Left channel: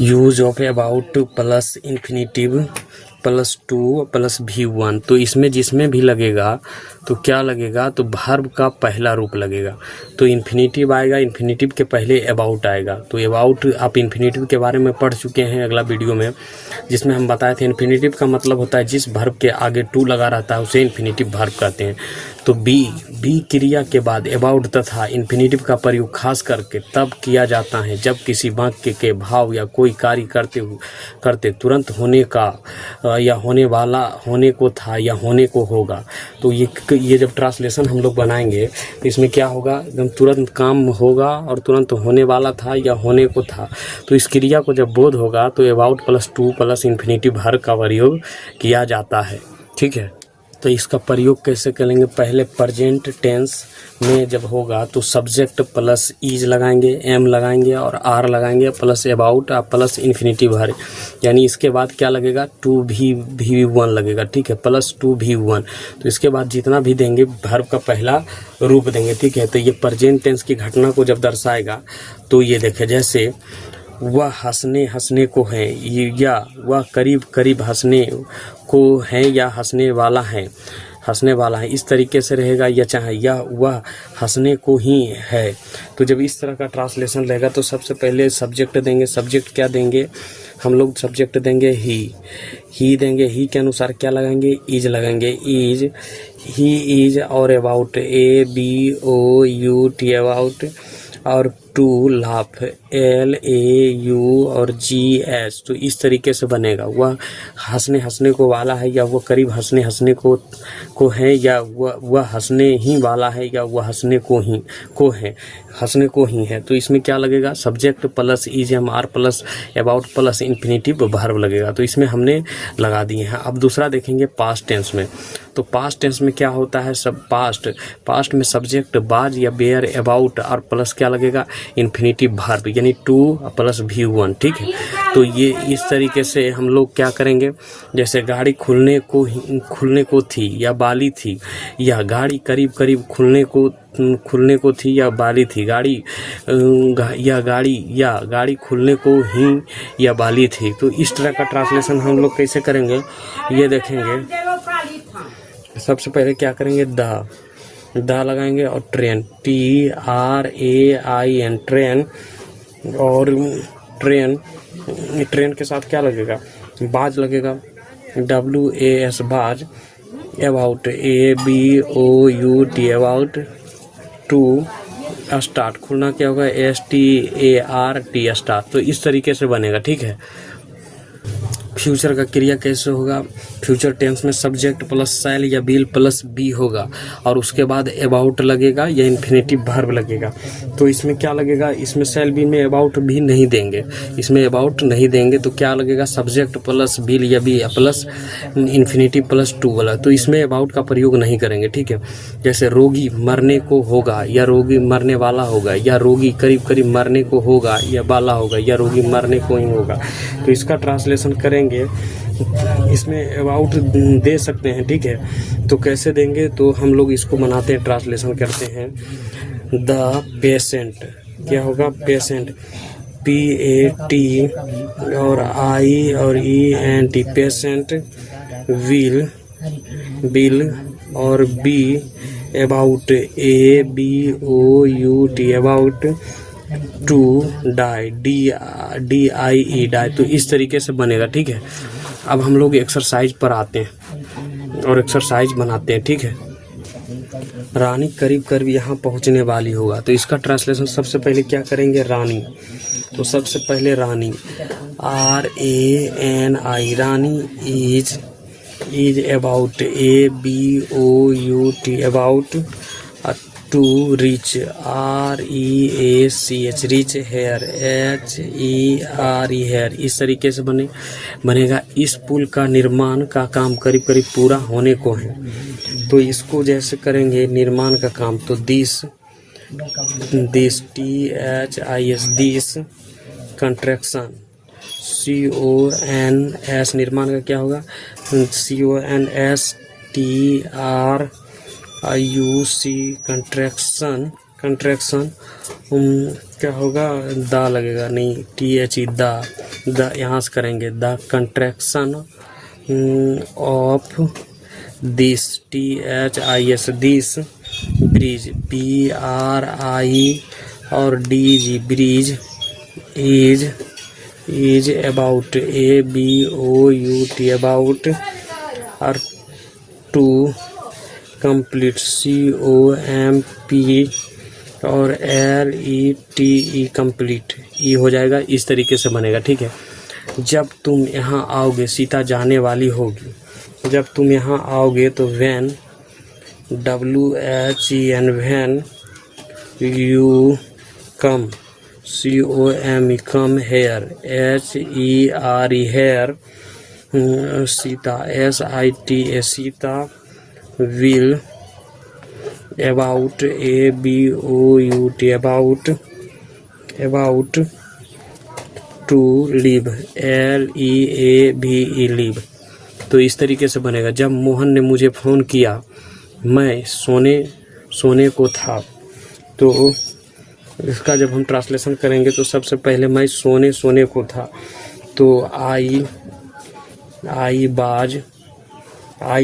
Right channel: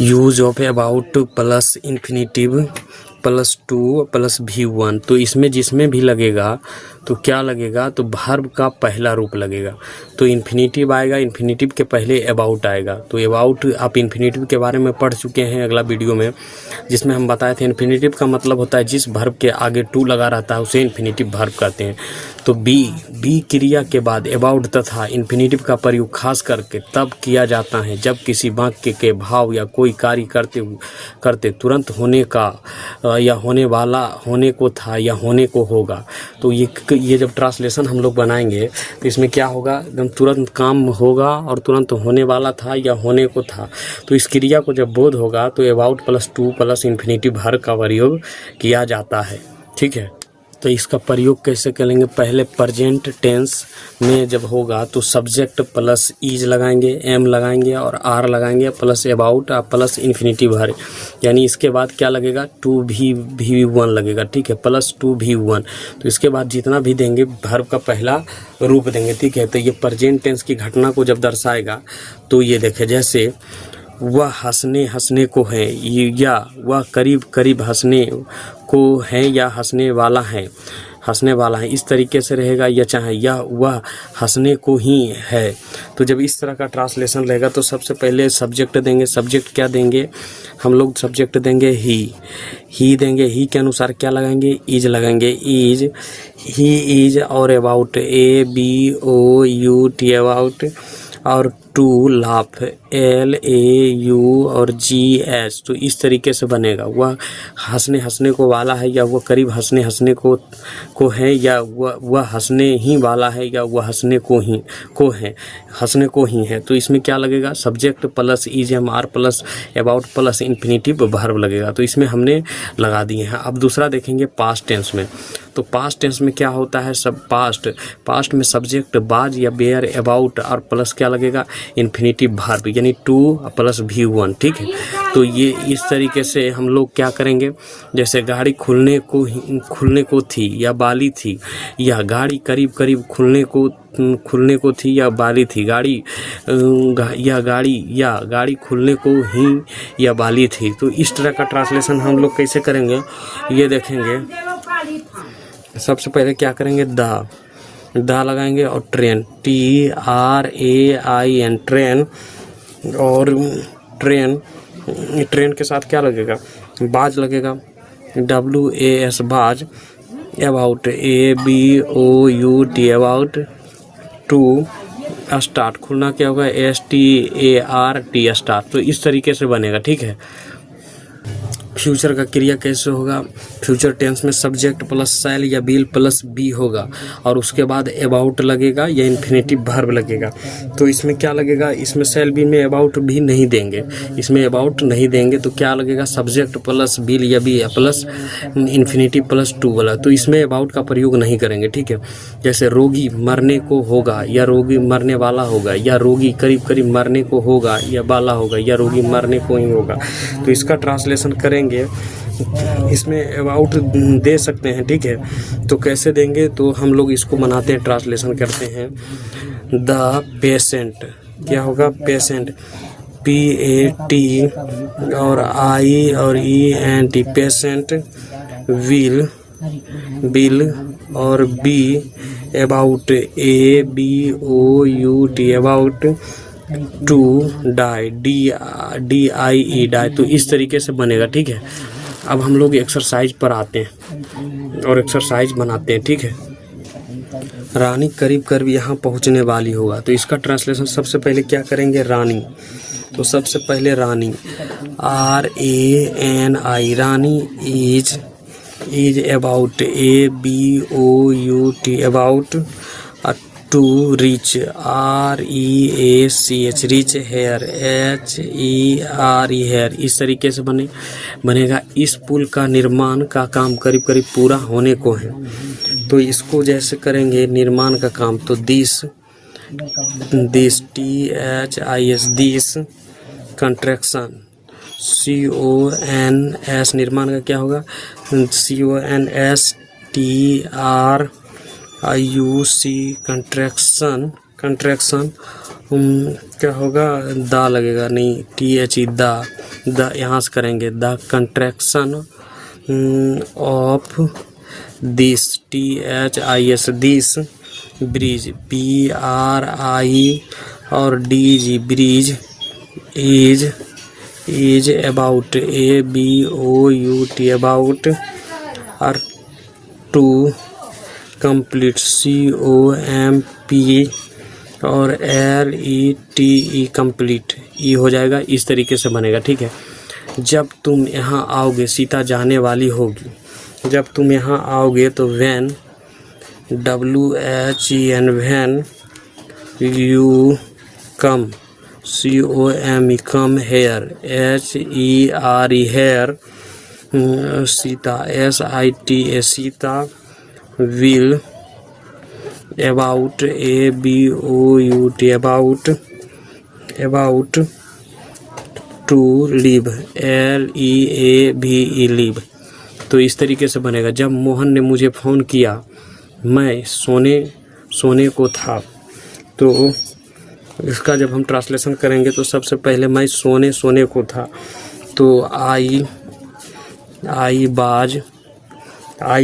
Use of about plus infinitive plus two plus V1। तो इसमें जिसमें भी लगेगा तो क्या लगेगा, तो वर्ब का पहला रूप लगेगा। तो इन्फिनेटिव आएगा, इन्फिनेटिव के पहले अबाउट आएगा। तो अबाउट आप इन्फिनेटिव के बारे में पढ़ चुके हैं अगला वीडियो में, जिसमें हम बताए थे इन्फिनेटिव का मतलब होता है जिस वर्ब के आगे टू लगा रहता है उसे इन्फिनेटिव वर्ब कहते हैं। तो बी क्रिया के बाद अबाउट तथा इन्फिनेटिव का प्रयोग खास करके तब किया जाता है जब किसी वाक्य के भाव या कोई कार्य करते तुरंत होने का या होने वाला, होने को था या होने को होगा। तो ये जब ट्रांसलेशन हम लोग बनाएंगे तो इसमें क्या होगा, एकदम तुरंत काम होगा और तुरंत होने वाला था या होने को था। तो इस क्रिया को जब बोध होगा तो about plus two plus infinitive verb का प्रयोग किया जाता है। ठीक है, तो इसका प्रयोग कैसे करेंगे, पहले प्रेजेंट टेंस में जब होगा तो सब्जेक्ट प्लस इज लगाएंगे, एम लगाएंगे और आर लगाएंगे प्लस अबाउट और प्लस इन्फिनेटिव वर्ब। यानी इसके बाद क्या लगेगा, टू V1 लगेगा। ठीक है, प्लस टू V1। तो इसके बाद जितना भी देंगे वर्ब का पहला रूप देंगे। ठीक है, तो ये प्रेजेंट टेंस की घटना को जब दर्शाएगा तो ये देखे, जैसे वह हंसने को है, या वह करीब हंसने को है या हंसने वाला है, इस तरीके से रहेगा। या चाहे यह वह हंसने को ही है। तो जब इस तरह का ट्रांसलेशन रहेगा तो सबसे पहले सब्जेक्ट देंगे। सब्जेक्ट क्या देंगे हम लोग, सब्जेक्ट देंगे ही देंगे। ही के अनुसार क्या लगाएंगे, इज लगाएंगे। इज, ही इज और अबाउट ABOUT अबाउट, और टू लाफ LAU और GS। तो इस तरीके से बनेगा। वह हंसने को वाला है, या वह करीब हंसने को है, या वह हंसने ही वाला है, या वह हंसने को ही है। तो इसमें क्या लगेगा, subject plus is am are plus about plus infinitive verb लगेगा। तो इसमें हमने लगा दिए हैं। अब दूसरा देखेंगे पास्ट टेंस में। तो पास्ट टेंस में क्या होता है, सब पास्ट में सब्जेक्ट बाज या बेयर अबाउट और प्लस क्या लगेगा, इन्फिनेटिव वर्ब, यानी टू प्लस V1। ठीक है, तो ये इस तरीके से हम लोग क्या करेंगे, जैसे गाड़ी खुलने को थी या बाली थी, या गाड़ी करीब खुलने को थी या बाली थी, गाड़ी खुलने को ही या बाली थी। तो इस तरह का ट्रांसलेशन हम लोग कैसे करेंगे, ये देखेंगे। सबसे पहले क्या करेंगे, दा लगाएंगे और ट्रेन TRAIN ट्रेन, और ट्रेन के साथ क्या लगेगा, बाज लगेगा WAS बाज, about ABOUT about, to start, खुलना क्या होगा START स्टार्ट। तो इस तरीके से बनेगा। ठीक है, फ्यूचर का क्रिया कैसे होगा, फ्यूचर टेंस में सब्जेक्ट प्लस शैल या विल प्लस बी होगा, और उसके बाद अबाउट लगेगा या इन्फिनेटिव वर्ब लगेगा। तो इसमें क्या लगेगा, इसमें शैल बी में अबाउट भी नहीं देंगे, इसमें अबाउट नहीं देंगे। तो क्या लगेगा, सब्जेक्ट प्लस विल या be plus infinitive plus to वाला। तो इसमें अबाउट का प्रयोग नहीं करेंगे। ठीक है, जैसे रोगी मरने को होगा, या रोगी मरने वाला होगा, या रोगी करीब मरने को होगा या वाला होगा, या रोगी मरने को ही होगा। तो इसका ट्रांसलेशन करेंगे, इसमें अबाउट दे सकते हैं। ठीक है, तो कैसे देंगे, तो हम लोग इसको बनाते हैं, ट्रांसलेशन करते हैं। द पेशेंट क्या होगा, पेशेंट PAT और I और ENT, पेशेंट बिल और B about ABOUT about, to die DIE die. तो इस तरीके से बनेगा। ठीक है, अब हम लोग एक्सरसाइज पर आते हैं और एक्सरसाइज बनाते हैं। ठीक है, रानी करीब यहाँ पहुँचने वाली होगा। तो इसका ट्रांसलेशन सबसे पहले क्या करेंगे, रानी। तो सबसे पहले Rani RANI, Rani is about ABOUT about, to reach REACH reach, here HERE here. इस तरीके से बनेगा। इस पुल का निर्माण का काम करीब पूरा होने को है। तो इसको जैसे करेंगे निर्माण का काम, तो this THIS this, contraction CONS, निर्माण का क्या होगा, CONS TRIUC, कंट्रैक्शन क्या होगा, दा लगेगा, नहीं THE दा, द यहाँ से करेंगे the contraction of this THIS this bridge BRI और DG bridge is about ABOUT about or to complete COMP और LETE complete E हो जाएगा। इस तरीके से बनेगा, ठीक है। जब तुम यहाँ आओगे, सीता जाने वाली होगी, जब तुम यहाँ आओगे तो when WHEN when you come COME come here HERE here Sita SITA Sita will about ABOUT about to leave LEAVE leave। तो इस तरीके से बनेगा। जब मोहन ने मुझे फ़ोन किया, मैं सोने को था। तो इसका जब हम ट्रांसलेशन करेंगे तो सबसे पहले मैं सोने को था, तो I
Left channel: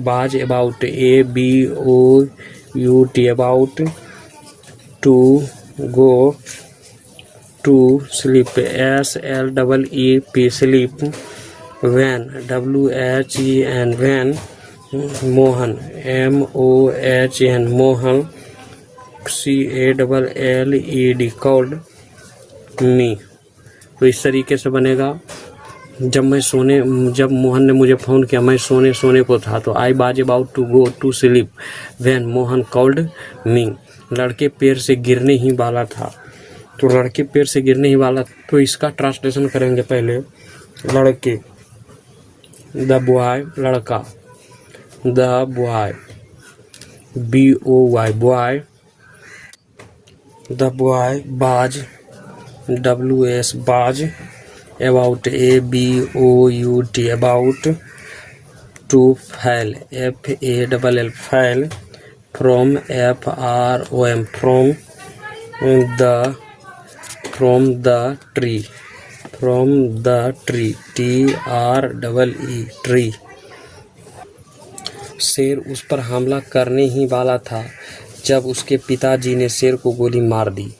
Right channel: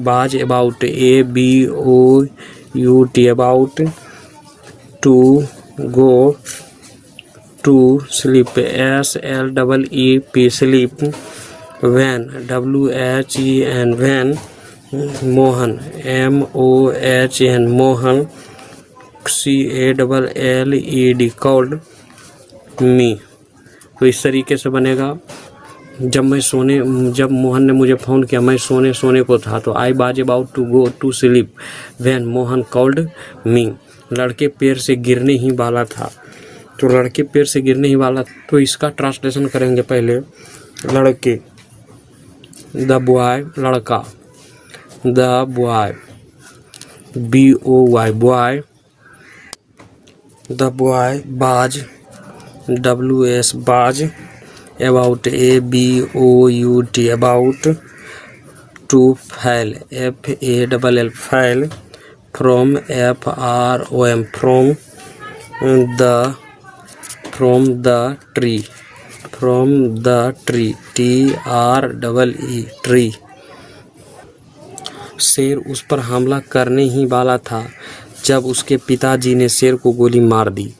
was about ABOUT about to go to sleep SLEEP sleep when WHEN when Mohan MOHN Mohan CALLED called me। तो इस तरीके से बनेगा। जब मोहन ने मुझे फ़ोन किया, मैं सोने को था, तो I was about to go to sleep when Mohan called me. लड़के पैर से गिरने ही वाला था, तो लड़के पैर से गिरने ही वाला। तो इसका ट्रांसलेशन करेंगे पहले। लड़के द बॉय लड़का, the boy BOY boy, the boy बाज WS बाज about ABOUT about to fail FALL fail from FROM from the tree TREE tree। शेर उस पर हमला करने ही वाला था जब उसके पिताजी ने शेर को गोली मार दी।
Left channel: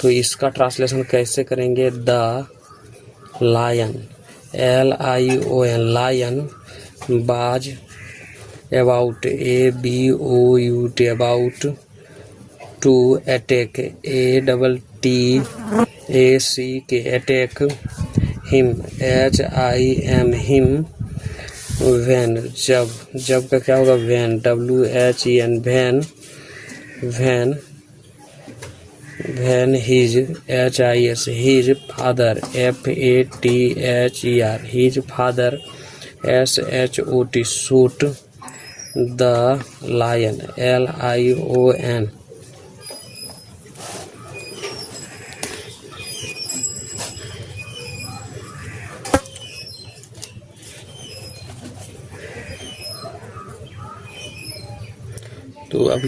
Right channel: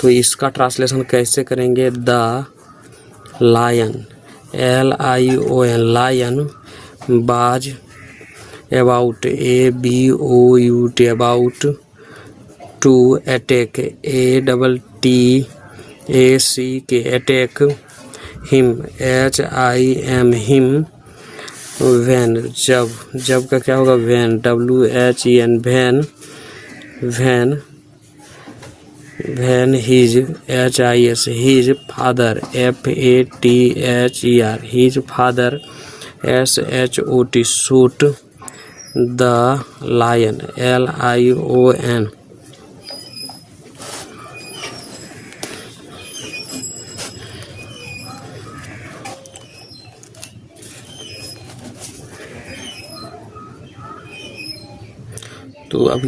तो इसका ट्रांसलेशन कैसे करेंगे। The lion LION lion was about ABOUT about to attack ATTACK attack him HIM him when जब का क्या होगा when WHEN when his HIS his father FATHER his father SHOT shoot the lion LION। तो अब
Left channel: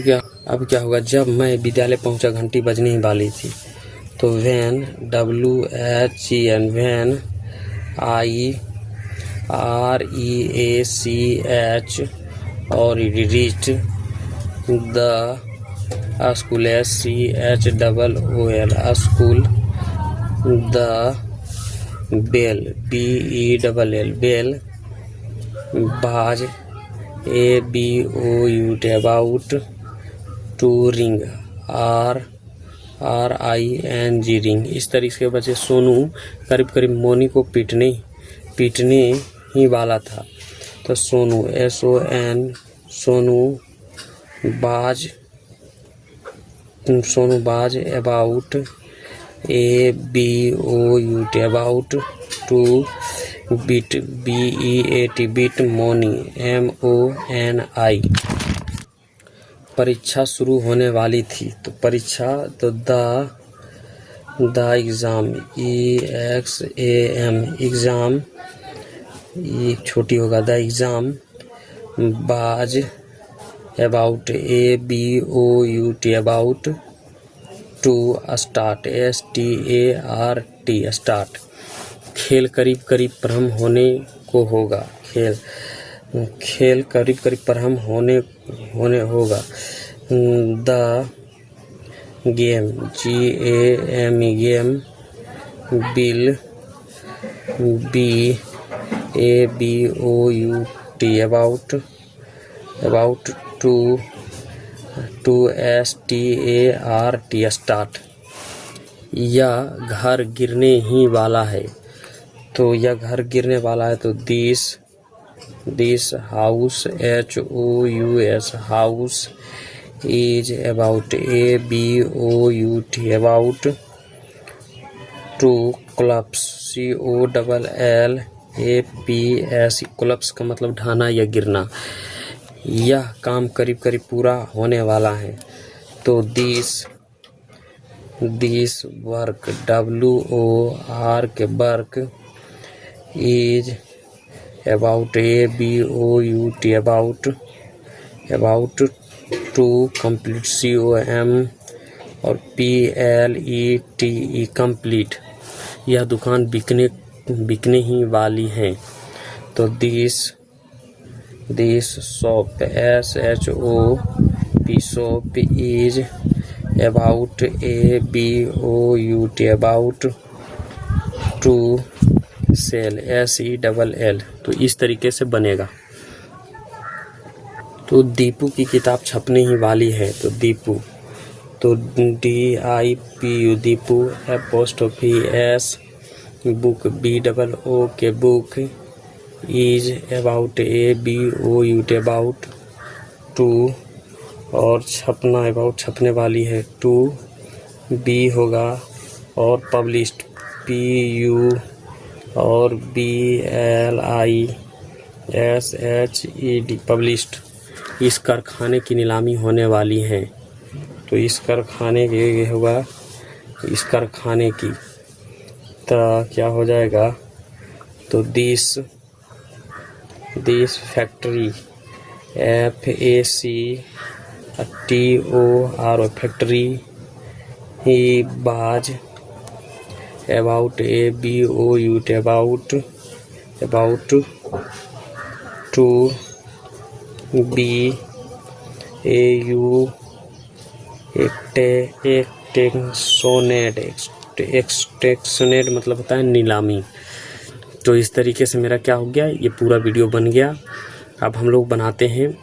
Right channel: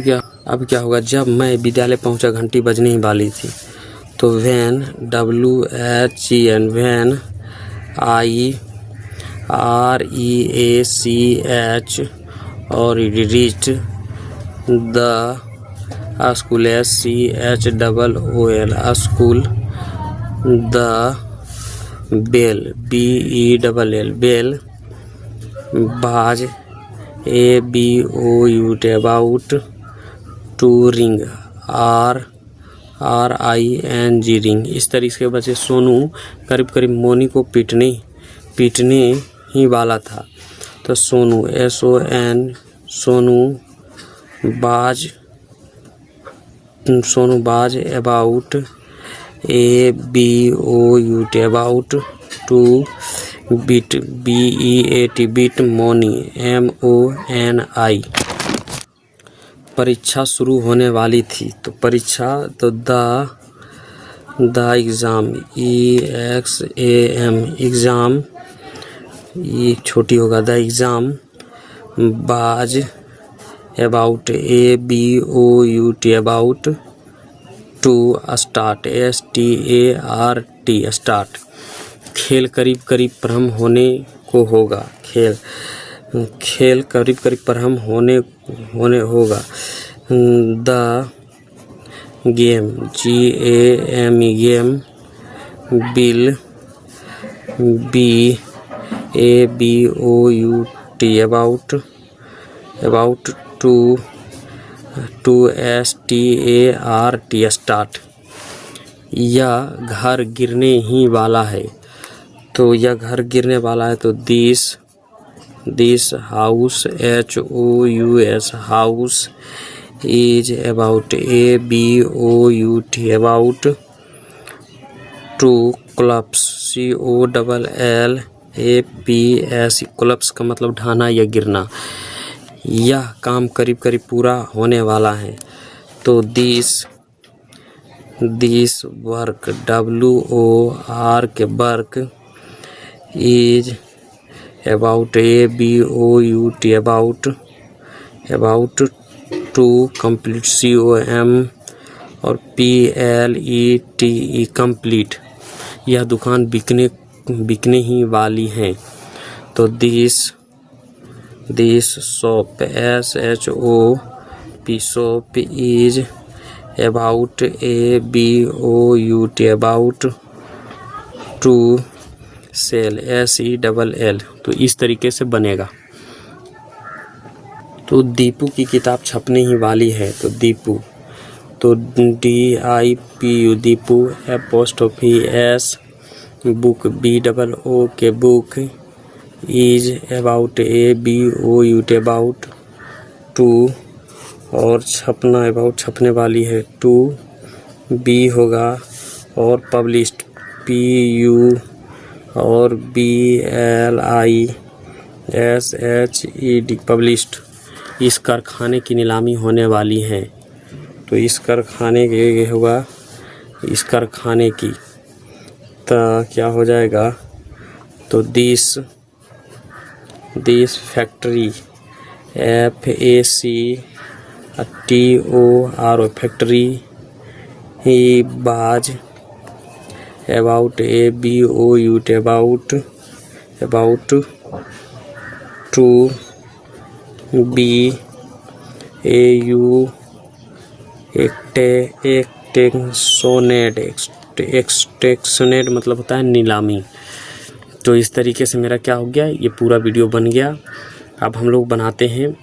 क्या होगा। जब मैं विद्यालय पहुंचा, घंटी बजने ही वाली थी, तो वैन WHEN वैन IREACH और reached the school SCHOOL school the bell BELL bell was ABOUT about to ring RING ring. इस तरीके से बचे। सोनू करीब मोनी को पीटने ही वाला था, तो Sonu SON Sonu was about ABOUT about to beat BEAT beat Moni MONI। परीक्षा शुरू होने वाली थी, तो परीक्षा तो द एग्ज़ाम EXAM एग्ज़ाम ये छोटी होगा the exam was about ABOUT about to start START start. खेल करीब करीब प्रारंभ होने को होगा। खेल करीब करीब प्रारंभ होने होगा। The game GAME game bill BABOUT about to START start. यह घर गिरने ही वाला है। तो यह घर गिरने वाला है तो this house HOUS house is about ABOUT about to collapse COLLAPS। Collapse का मतलब ढहना या गिरना। यह काम करीब करीब पूरा होने वाला है। तो this work WORK work is about ABOUT about to complete COM और PLETE कंप्लीट। यह दुकान बिकने ही वाली है। तो this shop SHOP shop is about ABOUT about to sell SELL। तो इस तरीके से बनेगा। तो दीपू की किताब छपने ही वाली है। तो दीपू तो DIPU Dipu S book BOOK book is about ABOUT about to और छपना अबाउट छपने वाली है टू बी होगा और पब्लिश्ड PU और BLISHED पब्लिश्ड। इस कारखाने की नीलामी होने वाली है। तो इस कारखाने के होगा इस कारखाने की तो क्या हो जाएगा। तो दिस फैक्ट्री FACTOR फैक्ट्री ही was about ABOUT about to BAU एक्सटेक्शनेट मतलब होता है नीलामी। तो इस तरीके से मेरा क्या हो गया, ये पूरा वीडियो बन गया। अब हम लोग बनाते हैं